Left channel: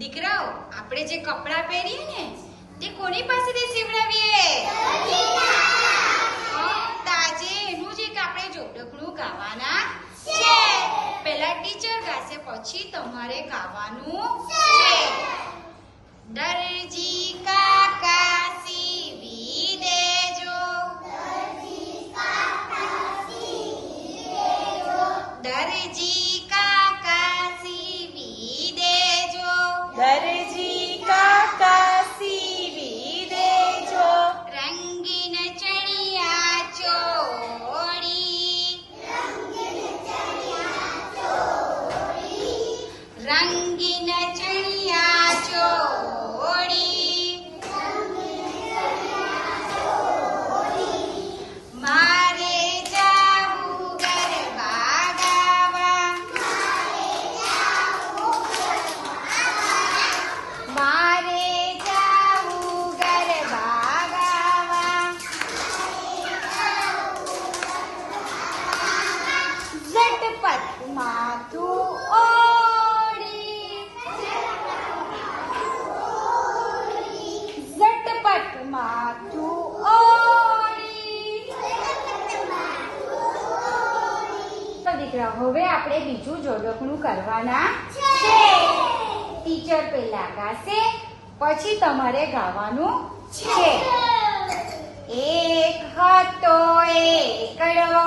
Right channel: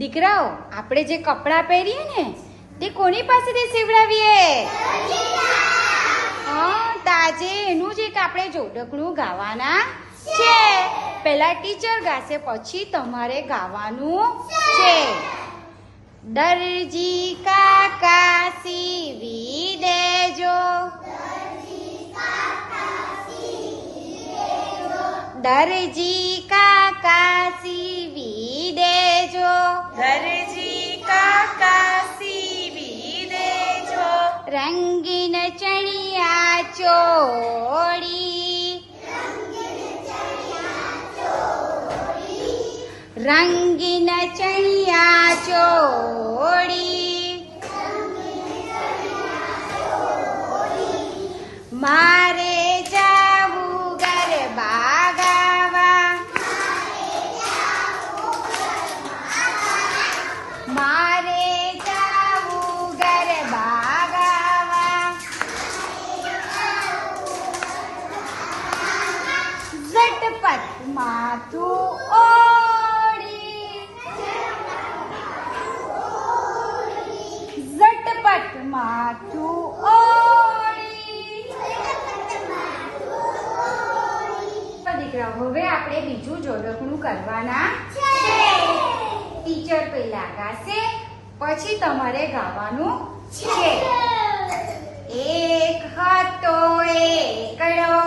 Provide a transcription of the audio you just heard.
દીકરાઓ, આપણે જે કપડાં પહેરીએ ને તે કોની પાસેથી સીવડાવીએ? આજે એનું જ એક આપણે જોડકણું ગાવાના છે. પહેલા ટીચર ગાશે, પછી તમારે ગાવાનું છે. દરજી કાકા સીવી દેજો, દરજી કાકા સીવી દેજો, દરજી કાકા સીવી દેજો. રંગીન ચણિયા ચોળી, રંગીન ચણિયા ચોળી, મારે જાવું ગરબા ગાવા, મારે જાવું ગરબા ગાવા. ઝટપટ માથું ઓળી, ઝટપટ માથું ઓળી. દીકરા, હવે આપણે બીજું જોડકણું કરવાના છે. ટીચર પહેલા ગાશે, પછી તમારે ગાવાનું છે. એક હતો એકડો,